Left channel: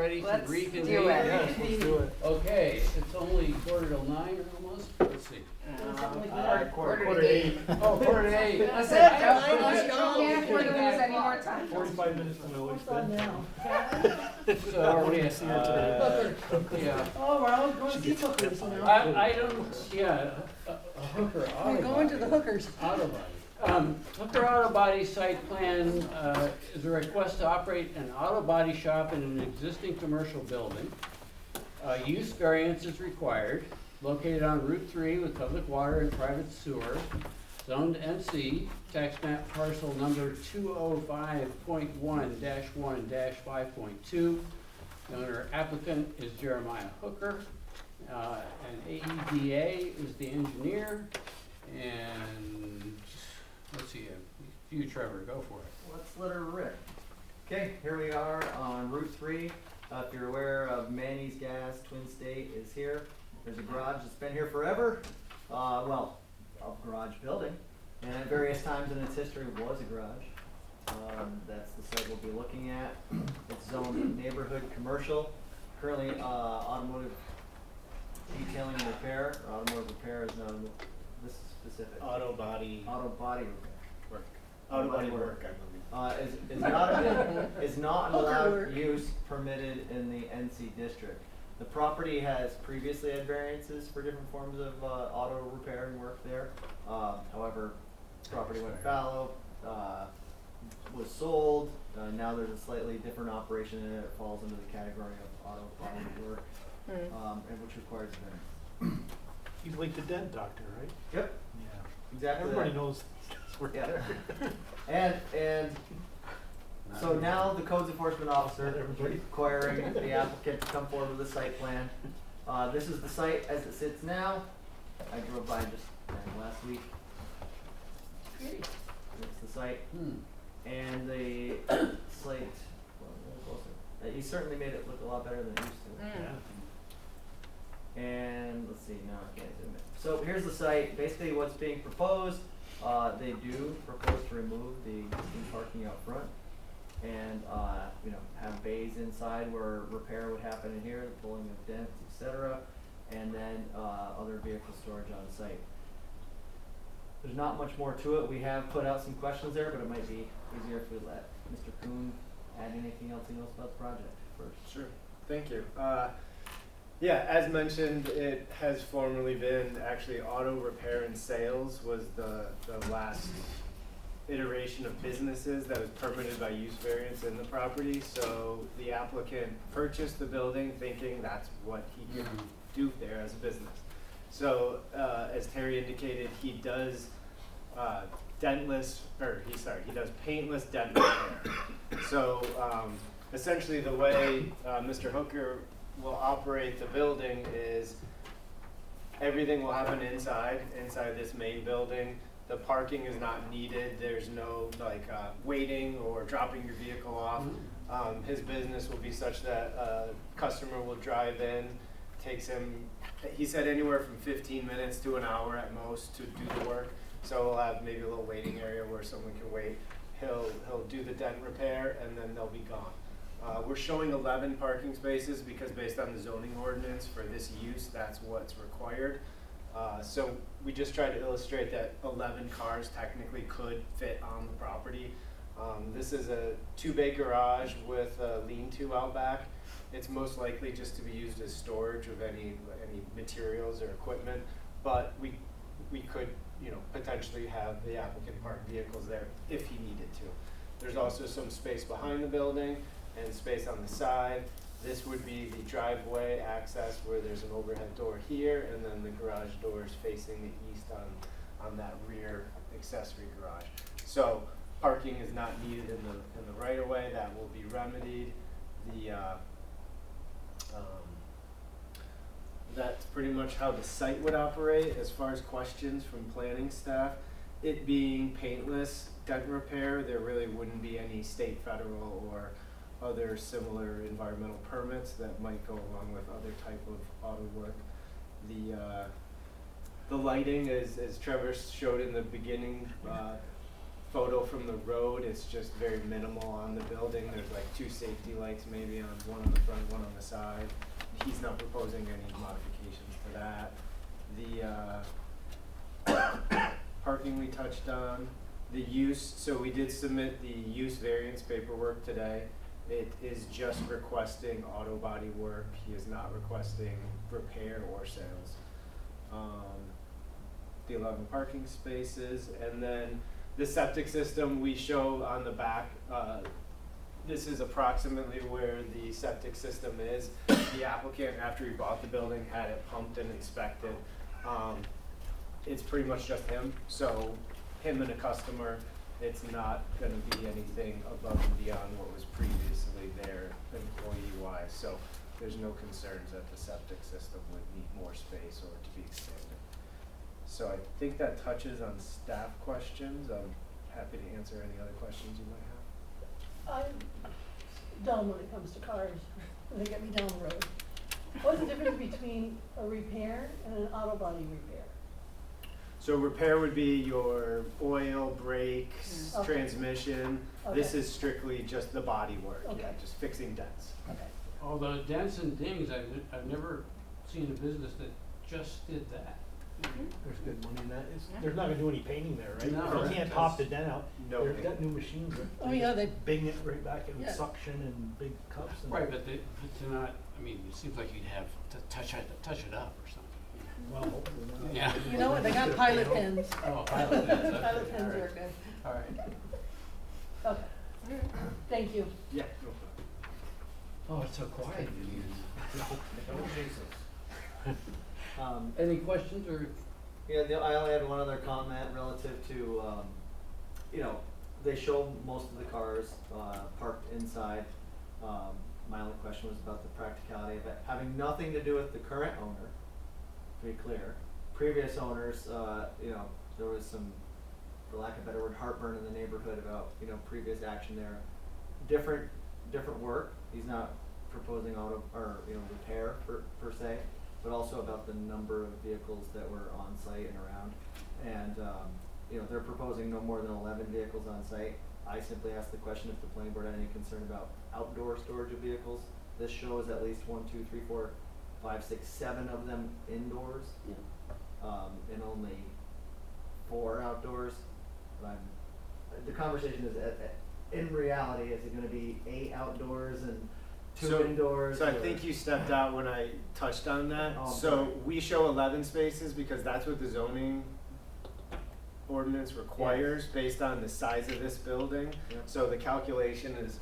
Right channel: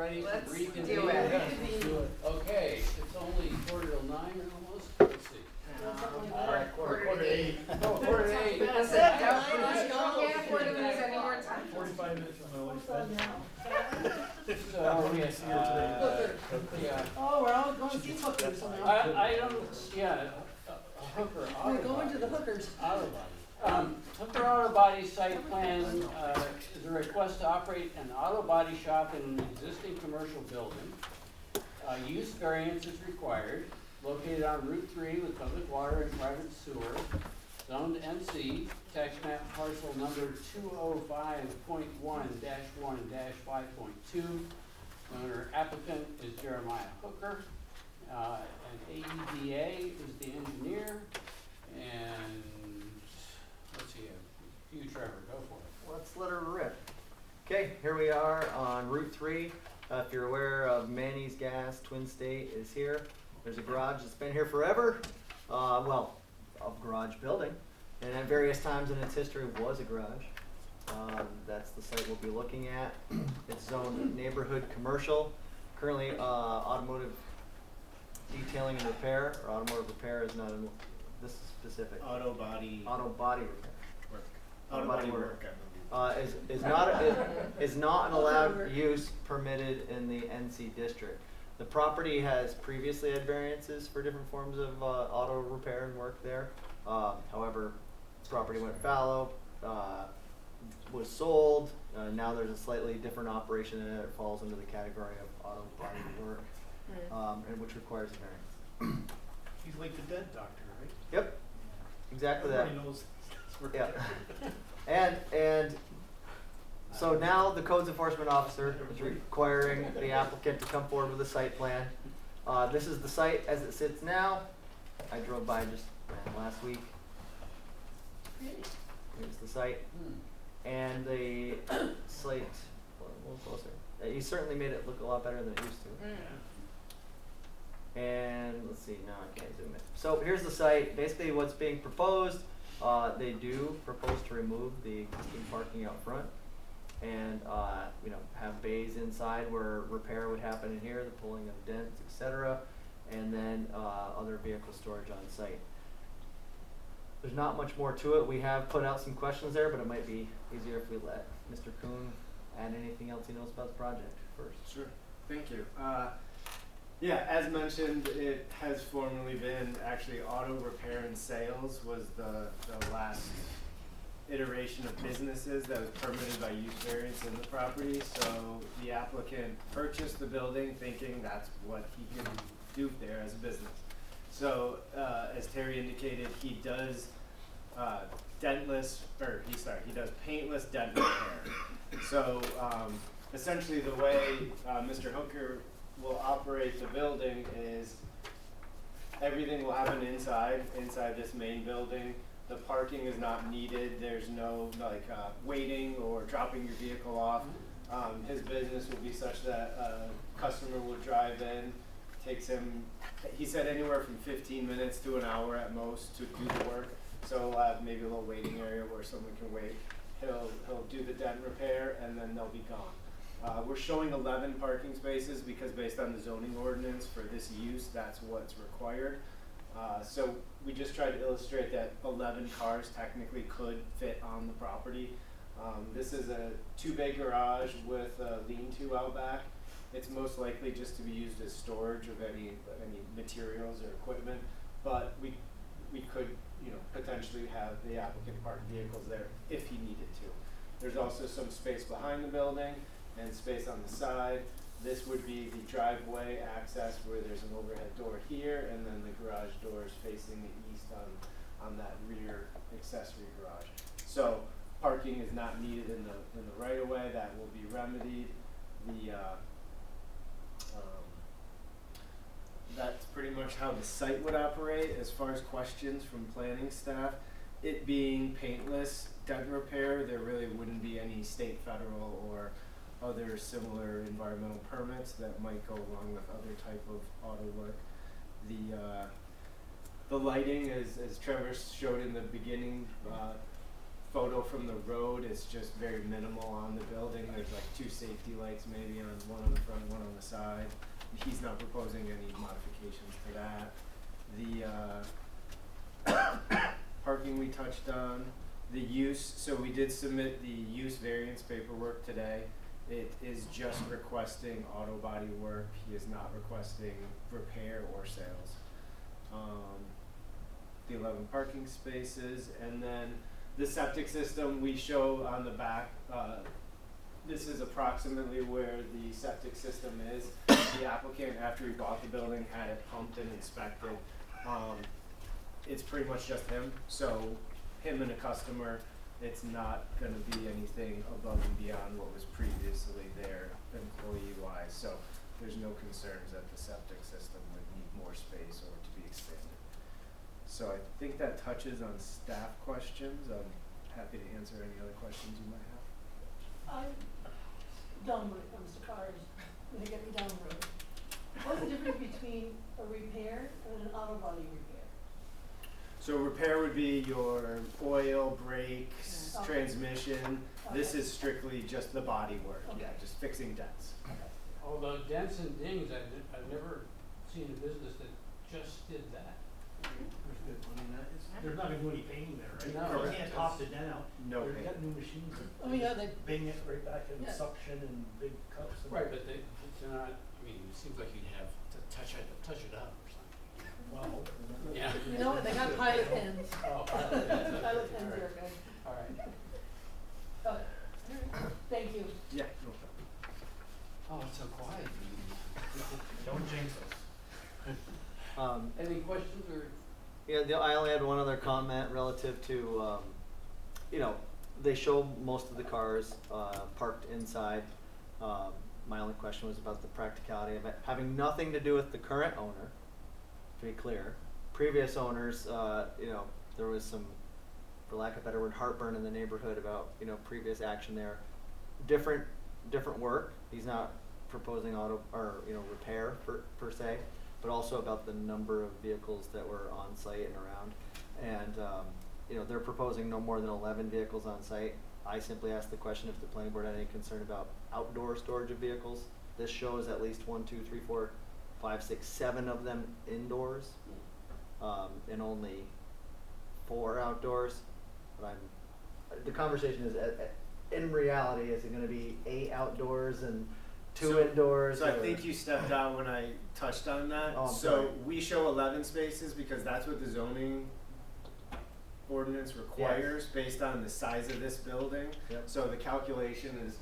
ready to Let's reconvene? do it. Yes, let's do it. Okay, it's only 8:45 almost. Let's see. Quarter to eight. Oh, 8:45. That's it. Can't afford to lose any more time. 45 minutes from my wife's bed. So, yeah. Oh, we're all going to see hookers now. I don't, yeah, a hooker auto We're going to body. the hookers. Auto body. Hooker auto body site plan is a request to operate an auto body shop in an existing commercial building. Use variance is required, located on Route 3 with public water and private sewer, zoned NC, tax map parcel number 205.1-1-5.2. Owner applicant is Jeremiah Hooker, and AEDA is the engineer, and let's see, you Trevor, go for it. Let's let her rip. Okay, here we are on Route 3. If you're aware of Manny's Gas, Twin State is here. There's a garage that's been here forever. Well, a garage building. And at various times in its history was a garage. That's the site we'll be looking at. It's zoned neighborhood commercial. Currently automotive detailing and repair, or automotive repair is not, this is specific. Auto body Auto body repair. work. Auto body work, work. I believe. Is not an allowed use permitted in the NC district. The property has previously had variances for different forms of auto repair and work there. However, property went fallow, was sold. Now there's a slightly different operation and it falls into the category of auto body work, and which requires a variance. He's like the dead doctor, right? Yep, exactly Everybody that. knows this work Yeah. there. And so now the codes enforcement officer is requiring the applicant to come forward with a site plan. This is the site as it sits now. I drove by just last week. Here's the site. And the site, well, a little closer. You certainly made it look a lot better than it used to. And let's see, no, I can't zoom in. So here's the site. Basically what's being proposed, they do propose to remove the existing parking out front and have bays inside where repair would happen in here, the pulling of dents, etc. And then other vehicle storage on site. There's not much more to it. We have put out some questions there, but it might be easier if we let Mr. Kuhn add anything else he knows about the project first. Sure. Thank you. Yeah, as mentioned, it has formerly been actually auto repair and sales was the last iteration of businesses that was permitted by use variance in the property. So the applicant purchased the building thinking that's what he could do there as a business. So as Terry indicated, he does he does paintless dent repair. So essentially the way Mr. Hooker will operate the building is everything will happen inside this main building. The parking is not needed. There's no waiting or dropping your vehicle off. His business will be such that a customer will drive in, takes him, he said anywhere from 15 minutes to an hour at most to do the work. So we'll have maybe a little waiting area where someone can wait. He'll do the dent repair and then they'll be gone. We're showing 11 parking spaces because based on the zoning ordinance for this use, that's what's required. So we just tried to illustrate that 11 cars technically could fit on the property. This is a 2-bay garage with a lean-to out back. It's most likely just to be used as storage of any materials or equipment, but we could potentially have the applicant park vehicles there if he needed to. There's also some space behind the building and space on the side. This would be the driveway access where there's an overhead door here, and then the garage doors facing the east on that rear accessory garage. So parking is not needed in the right of way. That will be remedied. That's pretty much how the site would operate. As far as questions from planning staff, it being paintless dent repair, there really wouldn't be any state, federal, or other similar environmental permits that might go along with other type of auto work. The lighting, as Trevor showed in the beginning, photo from the road, it's just very minimal on the building. There's like 2 safety lights maybe on one on the front, one on the side. He's not proposing any modifications to that. The parking we touched on. The use, so we did submit the use variance paperwork today. It is just requesting auto body work. He is not requesting repair or sales. The 11 parking spaces, and then the septic system we show on the back. This is approximately where the septic system is. The applicant, after he bought the building, had it pumped and inspected. It's pretty much just him, so him and a customer. It's not going to be anything above and beyond what was previously there employee-wise. So there's no concerns that the septic system would need more space or to be expanded. So I think that touches on staff questions. I'm happy to answer any other questions you might have. I'm dumb when it comes to cars, when they get me down the road. What's the difference between a repair and an auto body repair? So repair would be your oil, brakes, Okay. transmission. This Okay. is strictly just the body work, yeah, Okay. just fixing dents. Okay. Although dents and dings, I've never seen a business that just did that. There's good money in that. They're not gonna do any painting there, right? No. You can't top the dent out. No They've paint. got new machines that. Oh, yeah, they- Bing it right back and Yeah. suction and big cups and. Right, but they're not, I mean, it seems like you'd have to touch it up or something. Well, hopefully not. Yeah. You know what, they got pilot pens. Oh, pilot pens, okay. Pilot pens All right. are good. All right. Okay, thank you. Yeah, no problem. Oh, it's so quiet. Don't jinx us. Any questions or? Yeah, I only had one other comment relative to, they show most of the cars parked inside. My only question was about the practicality of it, having nothing to do with the current owner, to be clear. Previous owners, there was some, for lack of a better word, heartburn in the neighborhood about, previous action there. Different work. He's not proposing repair per se, but also about the number of vehicles that were on site and around. And, they're proposing no more than 11 vehicles on site. I simply asked the question if the planning board had any concern about outdoor storage of vehicles. This shows at least 1, 2, 3, 4, 5, 6, 7 of them indoors, and only 4 outdoors. But the conversation is, in reality, is it gonna be 8 outdoors and 2 indoors? So I or- think you stepped out when I touched on that. Oh, I'm So sorry. we show 11 spaces because that's what the zoning ordinance requires based on the size of this building. Yep. So the calculation is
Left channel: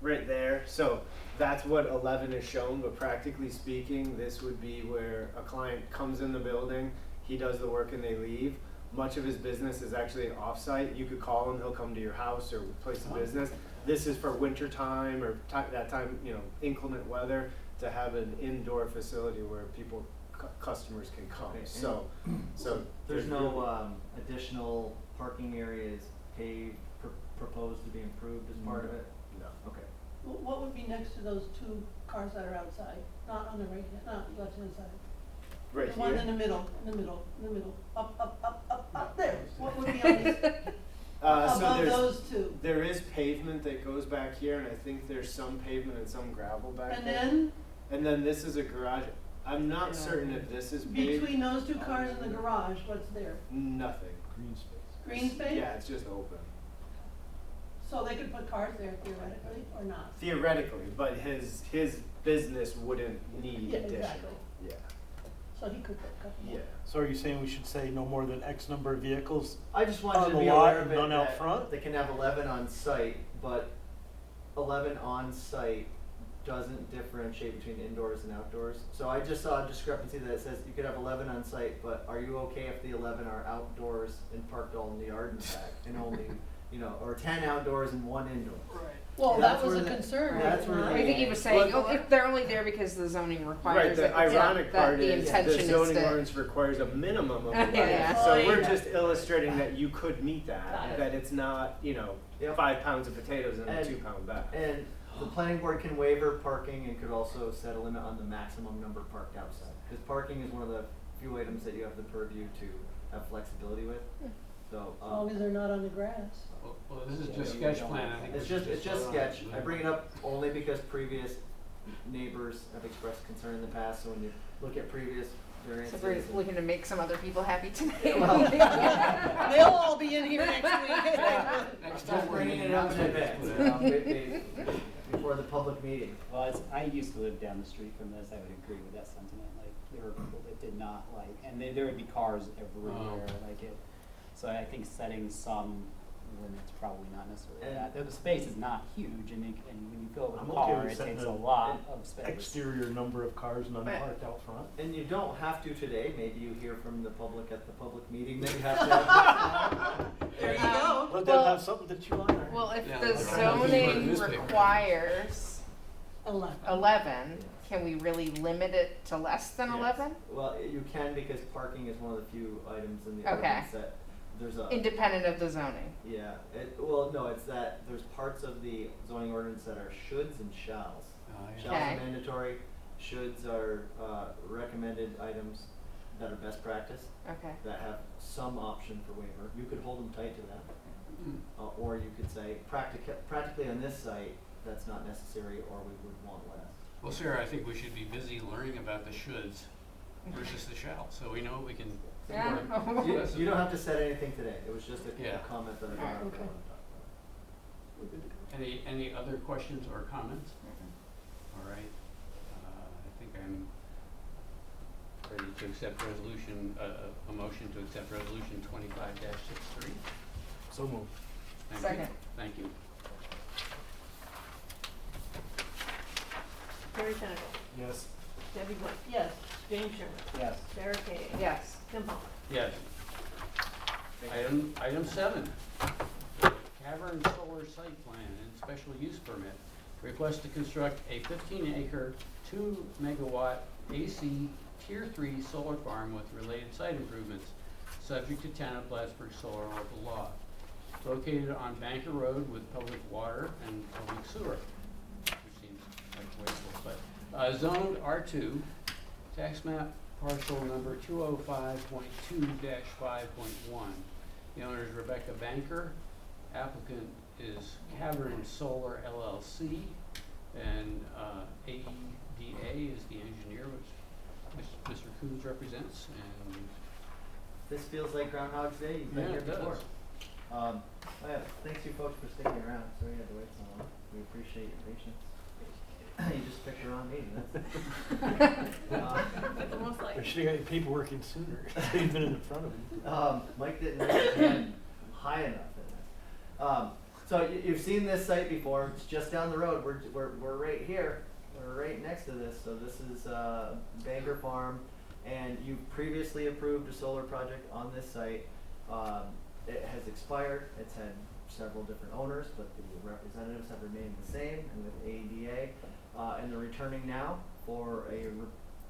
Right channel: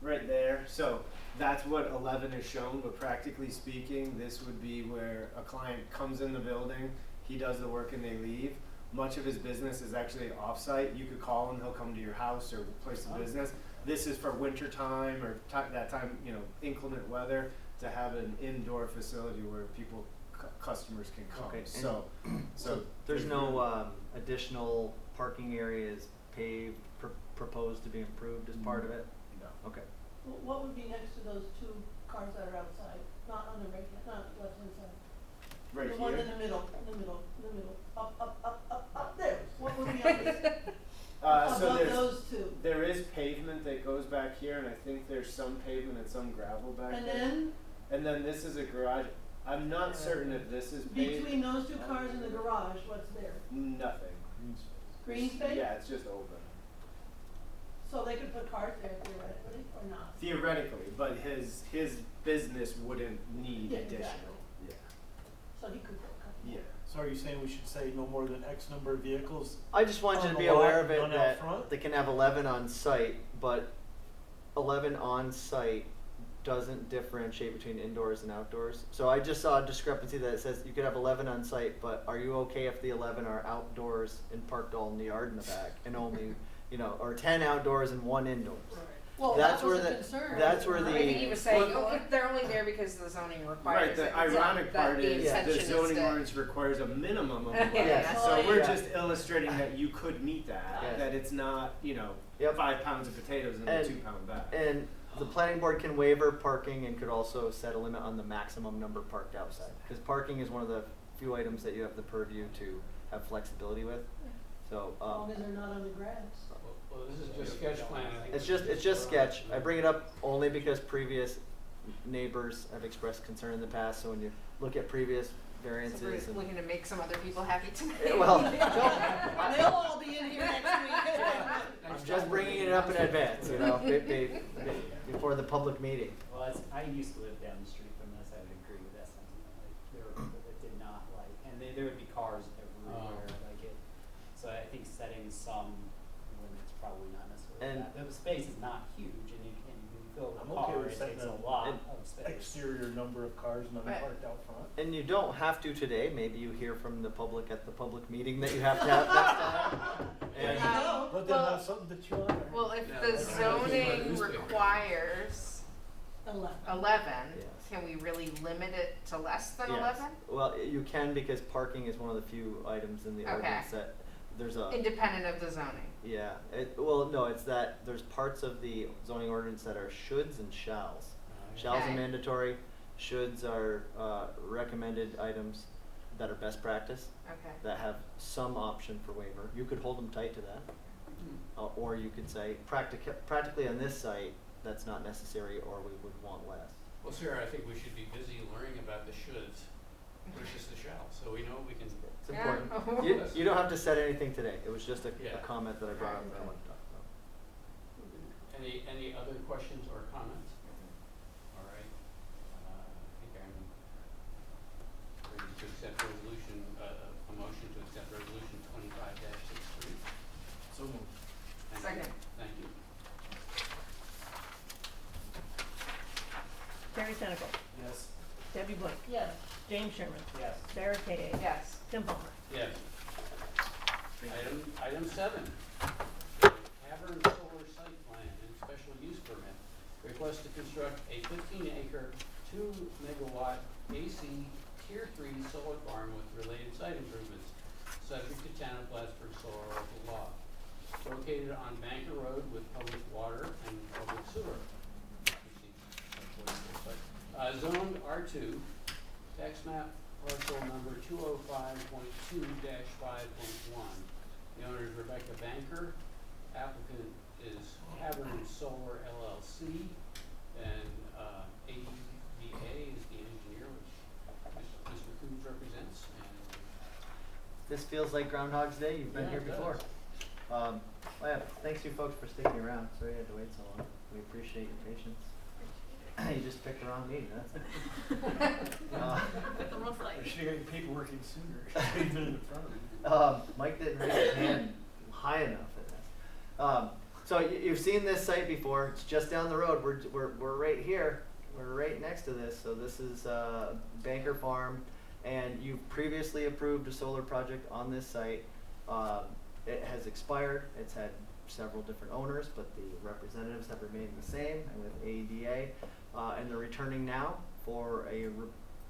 right there. So that's what 11 is shown, but practically speaking, this would be where a client comes in the building, he does the work and they leave. Much of his business is actually off-site. You could call him, he'll come to your house or place of business. This is for winter time or that time, inclement weather, to have an indoor facility where people, customers can come. Okay, So There's there's no additional parking areas paved, proposed to be improved as part of it? No. Okay. What would be next to those 2 cars that are outside, not on the right, not left hand side? Right The one here. in the middle, up there, what would be on this, So above there's, those 2? there is pavement that goes back here, and I think there's some pavement and some gravel back And there. then, And then this is a garage. I'm not certain if this is paved. between those 2 cars and the garage, what's there? Nothing. Green space. Green space? Yeah, it's just open. So they could put cars there theoretically, or not? Theoretically, but his business wouldn't need Yeah, additional. exactly. Yeah. So he could put a couple more. Yeah. So are you saying we should say no more than X number of vehicles? I just want you On to the be lot, aware of it, none out that front? they can have 11 on site, but 11 on site doesn't differentiate between indoors and outdoors. So I just saw a discrepancy that says you could have 11 on site, but are you okay if the 11 are outdoors and parked all in the yard in the back, and only, or 10 outdoors and 1 indoor? Well, That's that was where a the- concern. that's where I the- think he was saying, Well, if they're only there because the zoning Right, requires it. the ironic part the is intention the is zoning to- ordinance requires a minimum of Yeah. 11. Yeah. So Oh, we're yeah. just illustrating that you could meet that, Yeah. that it's not, Yep. 5 pounds of potatoes in a And- 2-pound bag. And the planning board can waiver parking and could also set a limit on the maximum number parked outside. Because parking is one of the few items that you have the purview to have flexibility with. So, As long as they're not on the grass. Well, this is just sketch plan. I think It's just sketch. I bring it up only because previous neighbors have expressed concern in the past, so when you look at previous So variances. we're and- looking to make some other people happy tonight. Yeah, well- They'll all be in here next week. Next Just time bringing we're it up in gonna- advance, you know, before the public meeting. Well, I used to live down the street from this, I would agree with that sentiment, like, there were people that did not like, and there would be cars everywhere, like it. So I think setting some limits probably not necessarily And- that, the space is not huge, and when you fill it I'm with a okay car, with it setting takes a an lot of space. exterior number of cars none But- parked out front. And you don't have to today, maybe you hear from the public at the public meeting that you have to have next time. There you And- go. Let them have something to chew on. or- Well, if Yeah, the that's right. zoning Newspaper. requires 11, Yes. can we really limit it to less than Yes. 11? Well, you can because parking is one of the few items in the Okay. ordinance that there's a. Independent of the zoning. Yeah, well, no, it's that there's parts of the zoning ordinance that are shoulds and shalls. Shalls Okay. are mandatory, shoulds are recommended items that are best practice, Okay. that have some option for waiver. You could hold them tight to that. Or you could say, practically on this site, that's not necessary, or we would want less. Well, Sarah, I think we should be busy learning about the shoulds versus the shalls, so we know we can. It's Yeah. important. You don't have to set anything today. It was just a Yeah. comment that I brought up that I Okay. wanted to talk about. Any other questions or comments? All right, I think I'm ready to accept resolution, a motion to accept resolution 25-63. So moved. Thank you. Second. Thank you. Terry Senegal, Yes. Debbie Blunt, yes. James Sherman, Yes. Sarah Kay. Yes. Tim Palmer. Yes. Item 7, Cavern Solar Site Plan and Special Use Permit. Request to construct a 15-acre, 2-megawatt AC Tier 3 solar farm with related site improvements, subject to town of Plattsburgh solar local law. Located on Banker Road with public water and public sewer. Which seems like a wasteful site. Zoned R2, tax map parcel number 205.2-5.1. The owner is Rebecca Banker. Applicant is Cavern Solar LLC. And AEDA is the engineer, which Mr. Coons represents. And This feels like Groundhog's Day. You've been Yeah, here it before. does. Well, yeah, thanks you folks for sticking around. Sorry you had to wait so long. We appreciate your patience. You just picked the wrong meeting. They should have got your paperwork in sooner. Should have been in front of you. Mike didn't raise his hand high enough in this. So you've seen this site before. It's just down the road. We're right here. We're right next to this. So this is Banker Farm, and you previously approved a solar project on this site. It has expired. It's had several different owners, but the representatives have remained the same, and with AEDA, and they're returning now for a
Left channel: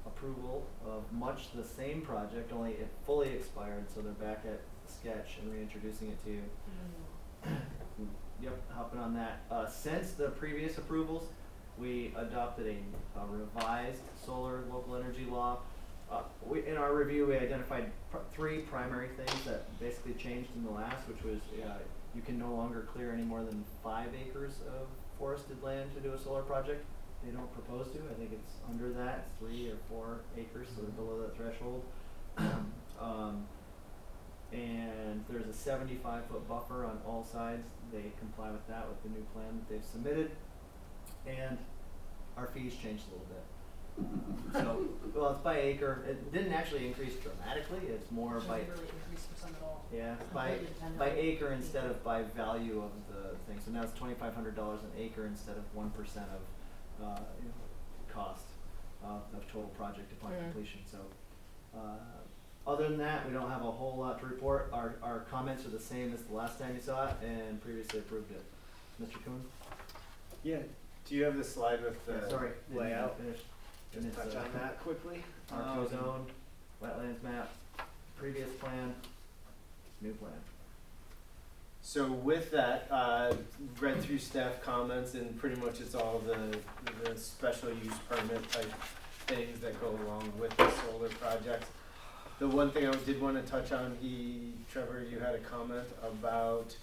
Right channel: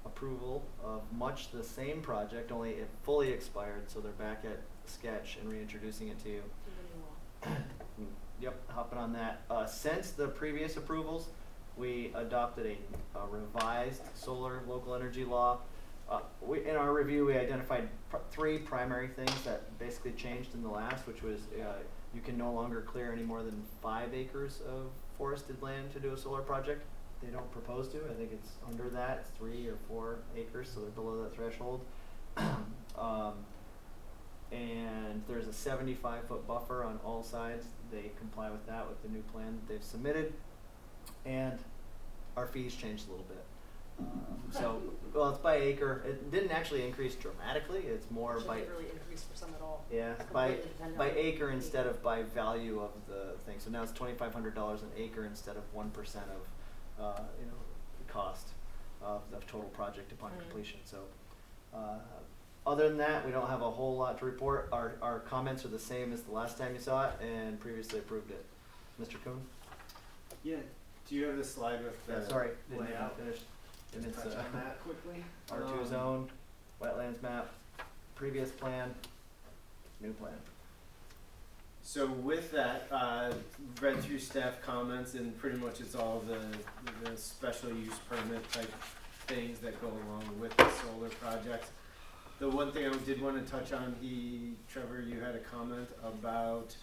approval of much the same project, only it fully expired, so they're back at sketch and reintroducing it to you. Yep, hopping on that. Since the previous approvals, we adopted a revised solar local energy law. In our review, we identified 3 primary things that basically changed in the last, which was you can no longer clear any more than 5 acres of forested land to do a solar project. They don't propose to. I think it's under that. It's 3 or 4 acres, so they're below that threshold. And there's a 75-foot buffer on all sides. They comply with that with the new plan that they've submitted. And our fees changed a little bit. So, well, it's by acre. It didn't actually increase dramatically. It's more by, Shouldn't really increase for some at all. yeah, by Completely dependent by on- acre instead of by value of the thing. So now it's $2,500 an acre instead of 1% of cost of total project upon completion. So, other than that, we don't have a whole lot to report. Our comments are the same as the last time you saw it and previously approved it. Mr. Kuhn? Yeah, do you have the slide with the Sorry, didn't even layout? finish. And it's Touch on that quickly. R2 zone, wetlands map, previous plan, new plan. So with that, read through staff comments, and pretty much it's all the special use permit type things that go along with the solar project. The one thing I did want to touch on, Trevor, you had a comment about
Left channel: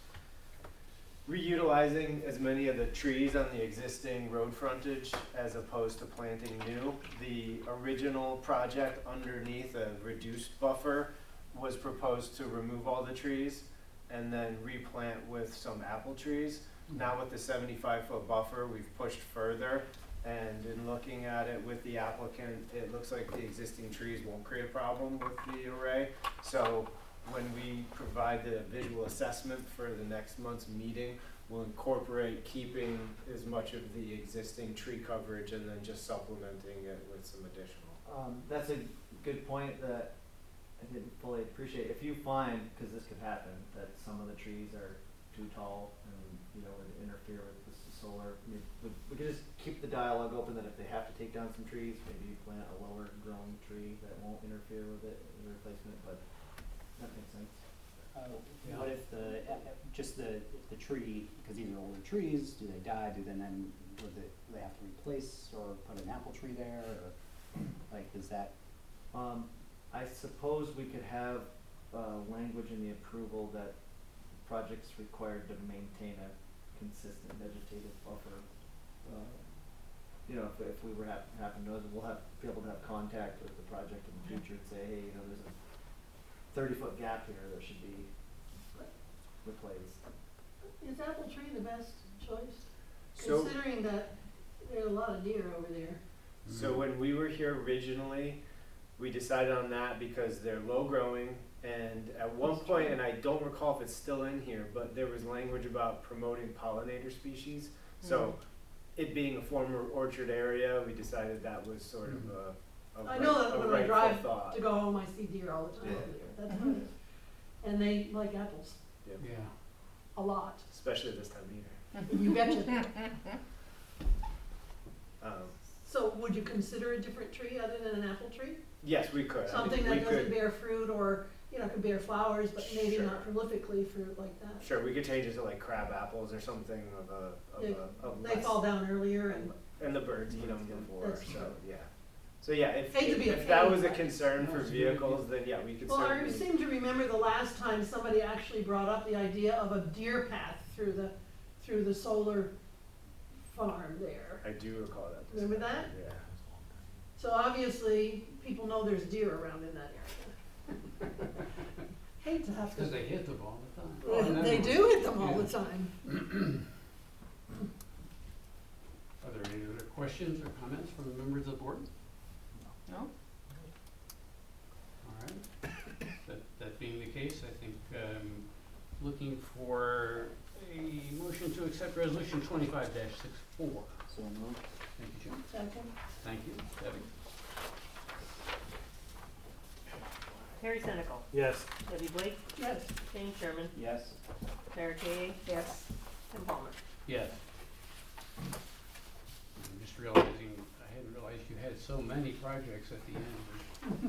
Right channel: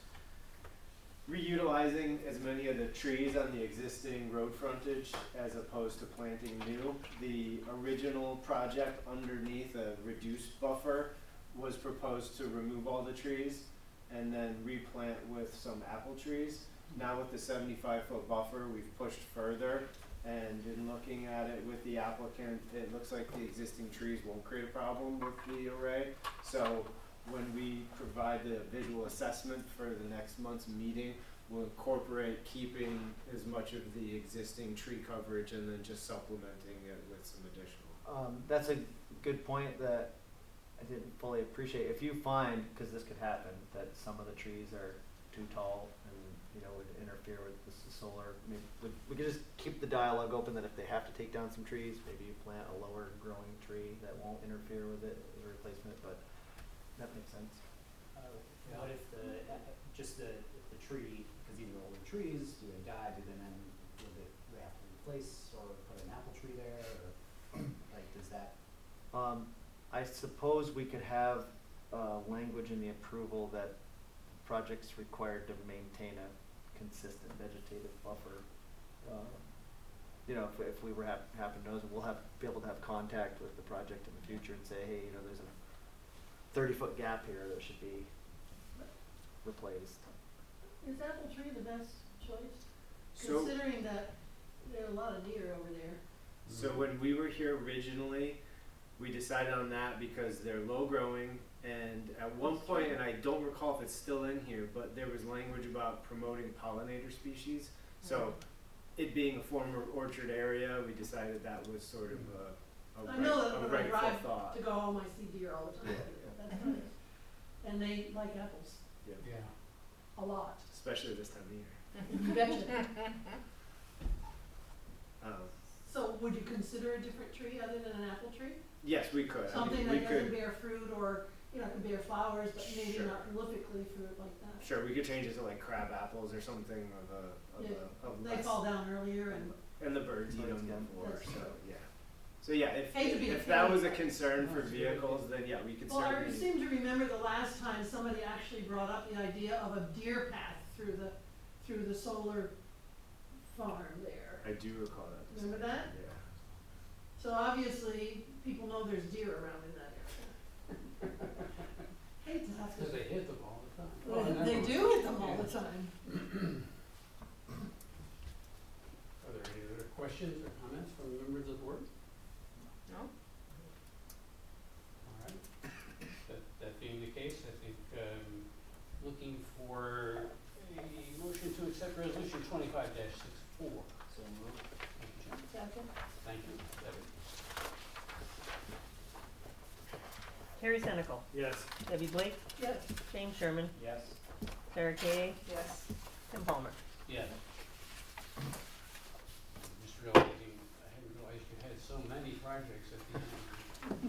reutilizing as many of the trees on the existing road frontage as opposed to planting new. The original project underneath a reduced buffer was proposed to remove all the trees and then replant with some apple trees. Now with the 75-foot buffer, we've pushed further, and in looking at it with the applicant, it looks like the existing trees won't create a problem with the array. So when we provide the visual assessment for the next month's meeting, we'll incorporate keeping as much of the existing tree coverage and then just supplementing it with some additional. That's a good point that I didn't fully appreciate. If you find, because this could happen, that some of the trees are too tall and would interfere with the solar, I mean, we could just keep the dialogue open that if they have to take down some trees, maybe you plant a lower growing tree that won't interfere with it as a replacement, but that makes sense. What if if the tree, because these are older trees, do they die? Do they then do they have to replace or put an apple tree there, or like does that? I suppose we could have language in the approval that projects required to maintain a consistent vegetative buffer. If we were happen to know, we'll be able to have contact with the project in the future and say, hey, there's a 30-foot gap here that should be replaced. Is apple tree the best choice? So, Considering that there are a lot of deer over there. so when we were here originally, we decided on that because they're low growing, and at one point, and I don't recall if it's still in here, but there was language about promoting pollinator species. So it being a former orchard area, we decided that was sort of I know that when I drive rightful thought. to go home, I see deer all the time over there. That's nice. And they like apples Yeah. Yeah. a lot. Especially this time of year. You betcha. Um, So would you consider a different tree other than an apple tree? yes, we could. Something we that doesn't could, bear fruit or, could bear flowers, but maybe Sure. not prolifically fruit like that. Sure, we could change it to like crab apples or something Yeah, of They less, fall down earlier and, and the birds eat them Yeah. before. That's So true. yeah. So yeah, Hate to be a if that pain, was a but- concern for That's a good vehicles, then yeah, we could well, I certainly. seem to remember the last time somebody actually brought up the idea of a deer path through the solar farm there. I do recall that. Remember that? Yeah. So obviously, people know there's deer around in that area. Hate to have Because to, they hit them all the time. well, they do hit them all the time. Are there any other questions or comments from the members of the board? No? All right. That being the case, I think looking for a motion to accept resolution 25-64. So moved. Thank you, Jim. Second? Thank you, Debbie. Terry Senecal, Yes. Debbie Blake, Yes. James Sherman, Yes. Sarah Kay, Yes. Tim Palmer. Yes. I'm just realizing, I hadn't realized you had so many projects at the end.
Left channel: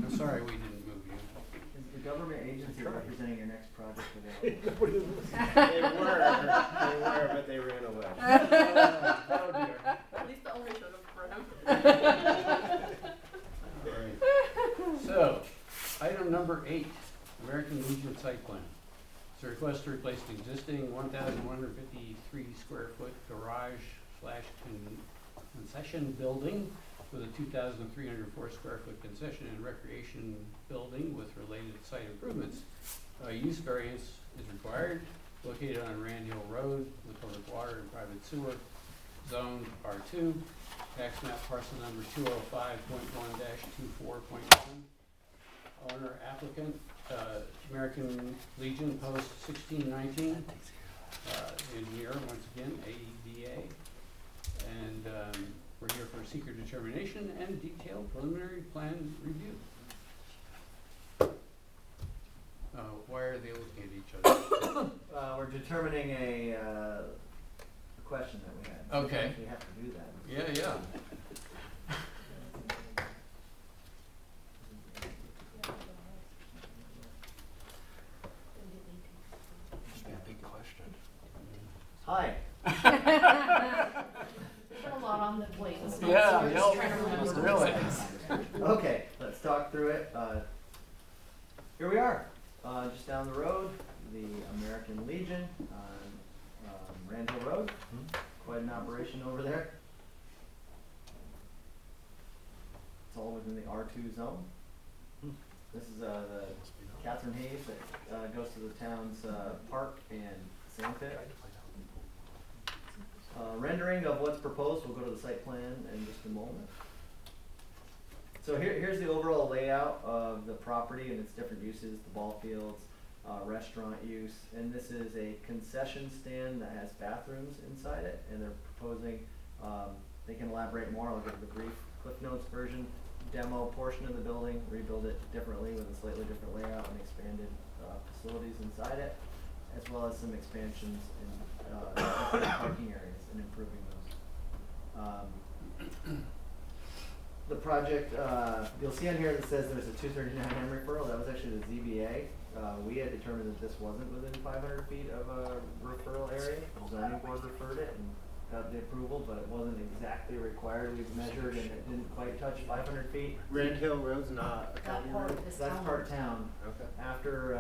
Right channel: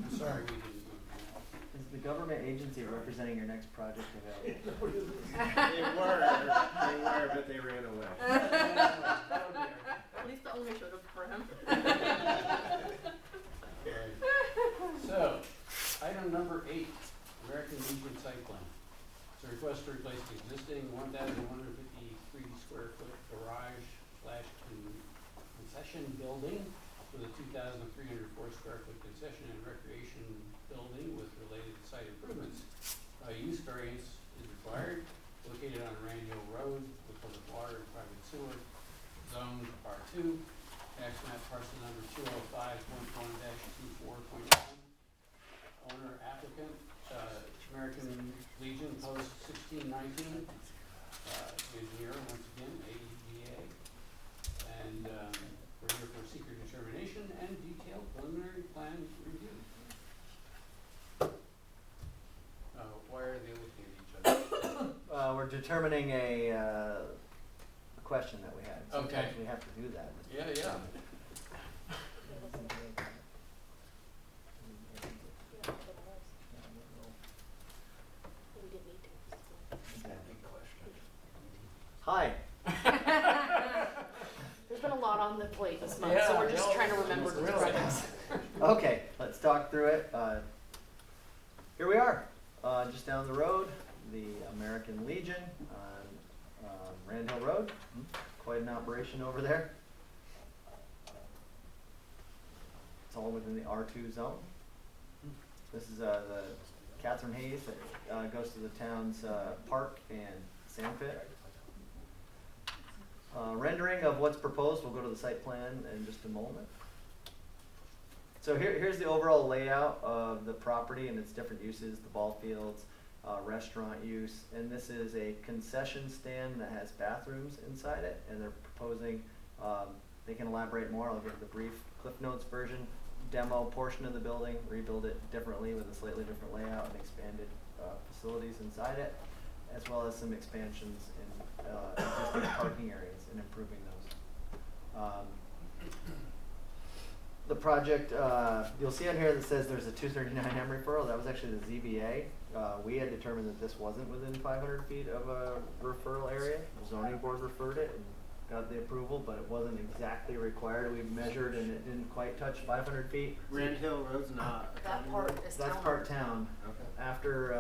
I'm sorry we didn't move you. Is the government agency representing your next project available? They were, but they ran away. Oh dear. At least the owner showed up for him. All right. So, item number 8, American Legion site plan. It's a request to replace the existing 1,153 square foot garage / concession building with a 2,304 square foot concession and recreation building with related site improvements. Use variance is required, located on Randhill Road with public water and private sewer, zoned R2, tax map parcel number 205.1-24.1. Owner applicant, American Legion Post 1619, engineer, once again, AEDA. And we're here for seeker determination and detailed preliminary plan review. Why are they looking at each other? We're determining a question that we had. Okay. Sometimes we have to do that. Yeah. Big question. Hi. There's been a lot on the plate this month, Yeah, so we're just no, trying to remember. really. Okay, let's talk through it. Here we are, just down the road, the American Legion. Rand Hill Road, quite an operation over there. It's all within the R2 zone. This is the Catherine Hayes that goes to the town's park and sand pit. Rendering of what's proposed, we'll go to the site plan in just a moment. So here's the overall layout of the property and its different uses, the ball fields, restaurant use, and this is a concession stand that has bathrooms inside it, and they're proposing, they can elaborate more, I'll give the brief Cliff Notes version, demo portion of the building, rebuild it differently with a slightly different layout and expanded facilities inside it, as well as some expansions in existing parking areas and improving those. The project, you'll see on here that says there's a 239M referral. That was actually the ZBA. We had determined that this wasn't within 500 feet of a referral area. The zoning board referred it and got the approval, but it wasn't exactly required. We measured and it didn't quite touch 500 feet. Rand Hill Road's not a county That part road? is That's town. part town. Okay. After,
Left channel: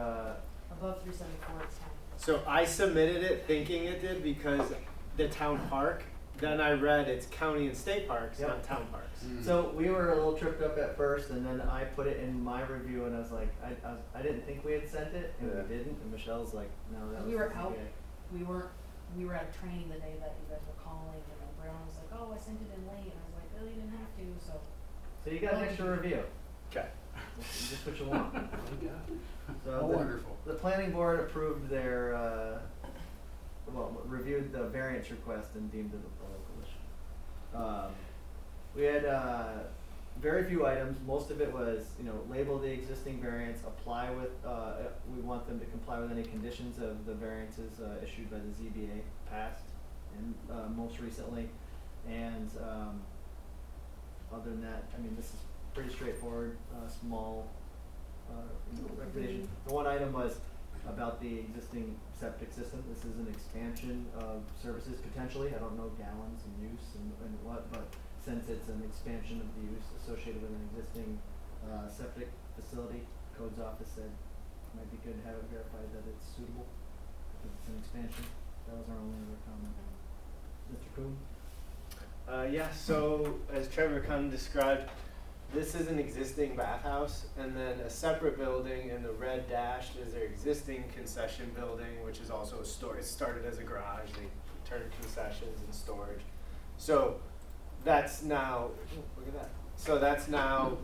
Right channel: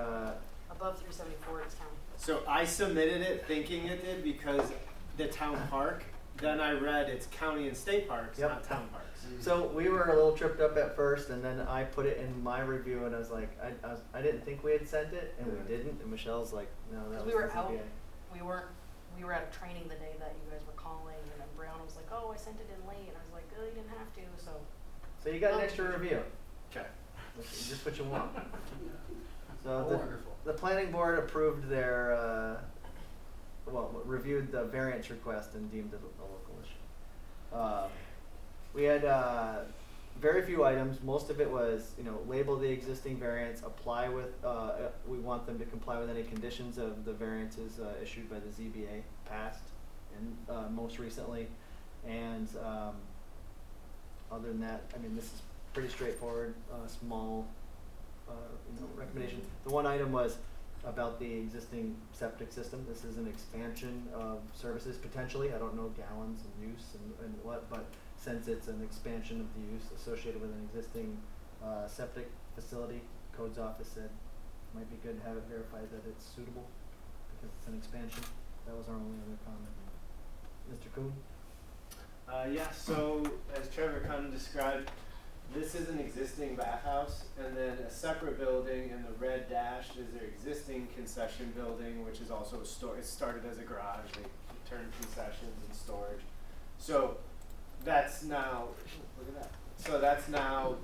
Above 374, it's town. So I submitted it thinking it did because the town park, then I read it's county and state parks, Yep. not town parks. so we were a little tripped up at first, and then I put it in my review, and I was like, I didn't think we had sent it, and Yeah. we didn't. And Michelle's like, no, that was We were the out. ZBA. We were at a training the day that you guys were calling, and then Brown was like, oh, I sent it in late, and I was like, oh, you didn't have to, so. So you got an extra review. Okay. Just what you want. So Oh, the, wonderful. the planning board approved their, reviewed the variance request and deemed it a local issue. We had very few items. Most of it was, label the existing variance, apply with, we want them to comply with any conditions of the variances issued by the ZBA, passed, and most recently. And other than that, this is pretty straightforward, small, recommendation. The one item was about the existing septic system. This is an expansion of services potentially. I don't know gallons and use and what, but since it's an expansion of the use associated with an existing septic facility, codes office said it might be good to have it verified that it's suitable because it's an expansion. That was our only other comment. Mr. Kuhn? Yeah, so as Trevor kind of described, this is an existing bathhouse, and then a separate building in the red dashed is their existing concession building, which is also a store. It started as a garage. They turned concessions and storage. So that's now, look at that. So that's now,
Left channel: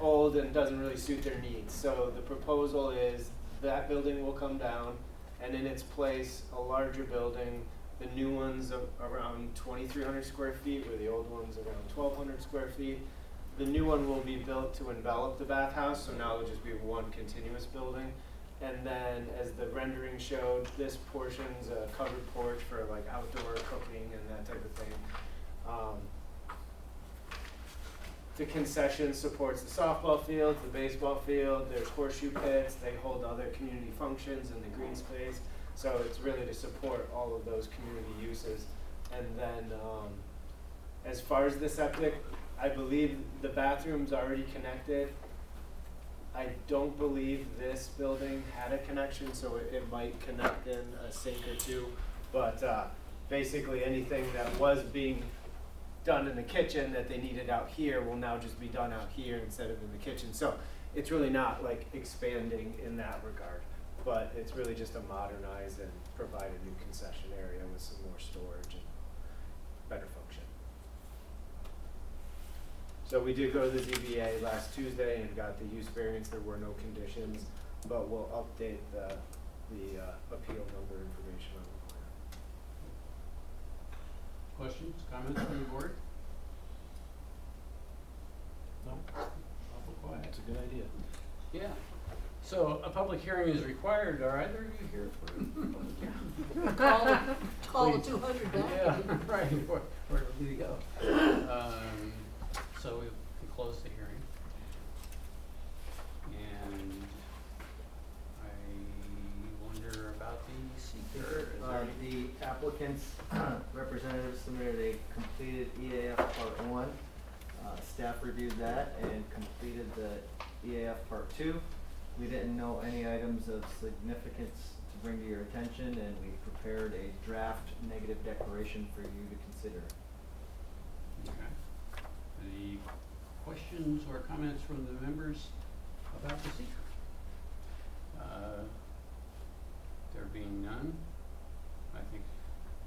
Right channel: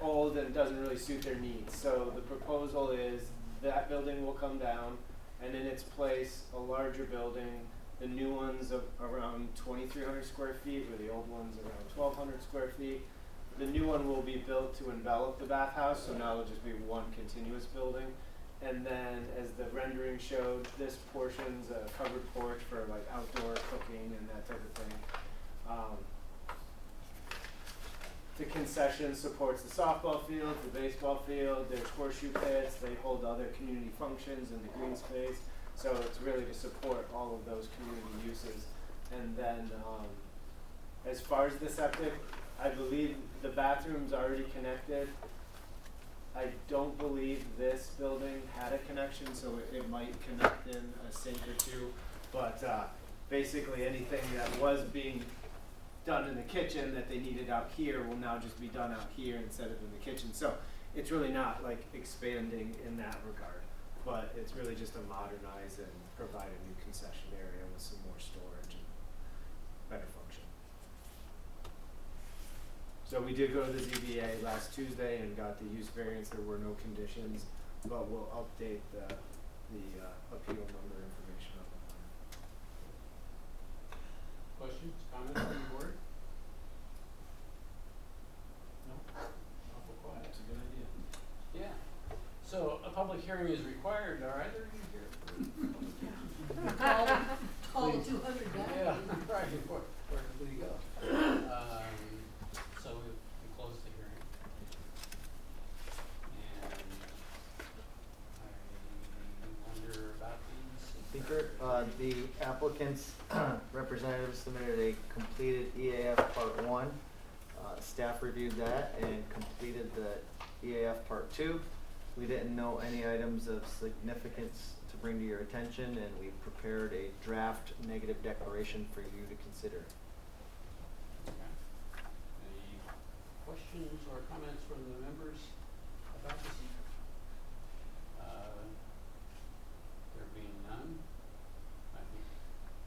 old and doesn't really suit their needs. So the proposal is that building will come down, and in its place, a larger building. The new one's around 2,300 square feet, where the old one's around 1,200 square feet. The new one will be built to envelop the bathhouse, so now it'll just be one continuous building. And then, as the rendering showed, this portion's a covered porch for like outdoor cooking and that type of thing. The concession supports the softball field, the baseball field, there's horseshoe pits, they hold other community functions in the green space. So it's really to support all of those community uses. And then, as far as the septic, I believe the bathroom's already connected. I don't believe this building had a connection, so it might connect in a sink or two. But basically anything that was being done in the kitchen that they needed out here will now just be done out here instead of in the kitchen. So it's really not like expanding in that regard, but it's really just to modernize and provide a new concession area with some more storage and better function. So we did go to the ZBA last Tuesday and got the use variance. There were no conditions, but we'll update the appeal number information on the plan. Questions, comments from the board? No? Awful quiet. That's a good idea. Yeah. So a public hearing is required. Are either of you here for a public hearing? Call the Please. 200 back. Yeah, right. Where do we go? So we close the hearing. And I wonder about the seeker. The applicant's representative submitted a completed EAF Part 1. Staff reviewed that and completed the EAF Part 2. We didn't know any items of significance to bring to your attention, and we've prepared a draft negative declaration for you to consider. Okay. Any questions or comments from the members about the seeker? There being none, I think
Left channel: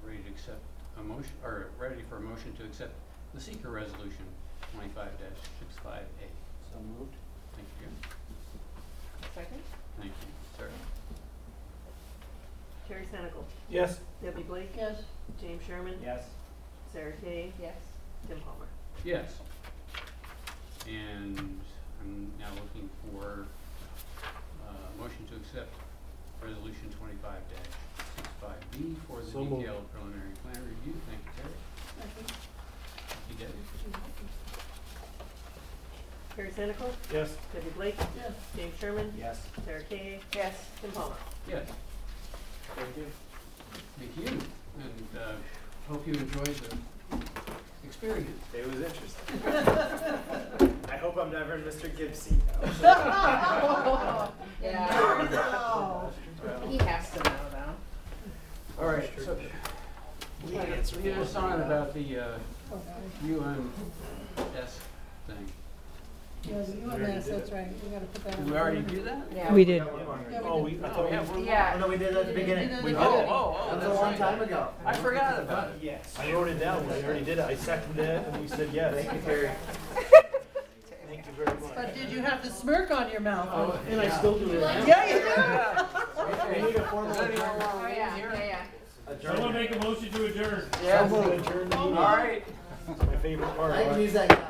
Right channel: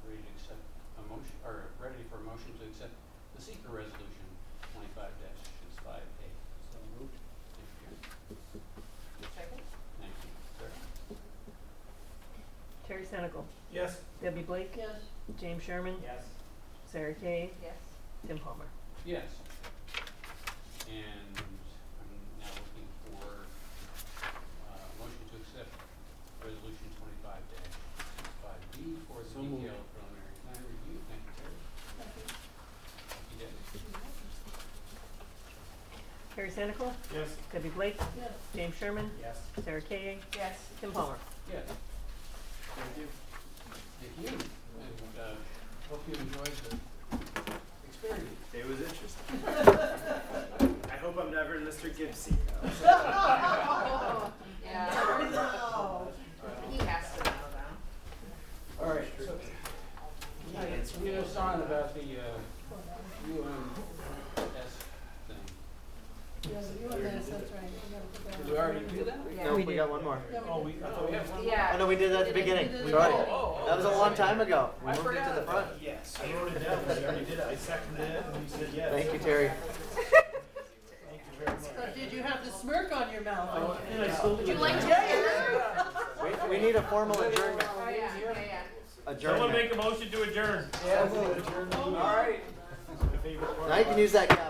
ready to accept a motion, or ready for a motion to accept the seeker resolution 25-65A. So moved. Thank you, Karen. Second. Thank you, sir. Terry Senecal. Yes. Debbie Blake. Yes. James Sherman. Yes. Sarah Kay. Yes. Tim Palmer. Yes. And I'm now looking for a motion to accept resolution 25-65B for the So moved. detailed preliminary plan review. Thank you, Terry. Second. Thank you, Debbie. Terry Senecal. Yes. Debbie Blake. Yes. James Sherman. Yes. Sarah Kay. Yes. Tim Palmer. Yes. Thank you. Thank you. And hope you enjoyed the experience. It was interesting. I hope I'm never in Mr. Gibbs' seat now. Yeah. No. He has to know now. All right, so lead us on about the UMS thing. Yeah, the UMS, that's right, we gotta put that on. Did we already do that? Yeah. Oh, We we did. got one more. Yeah, Oh, we I did. thought we. have one more? Yeah. Oh, no, we did that at the beginning. We did We it did at the it. beginning. That was a long time ago. I forgot about it. Yes. I wrote it down, but I already did it. I seconded it, and you said yes. Thank you, Terry. Thank you very much. But did you have the smirk on your mouth? Oh, And I still do. You like it. to- Yeah, you We need a formal adjournment. Oh, yeah, yeah. Adjournment. a motion to adjourn. Yeah. So moved. Adjourn the All meeting. right. It's my favorite part. Now you can use that gavel.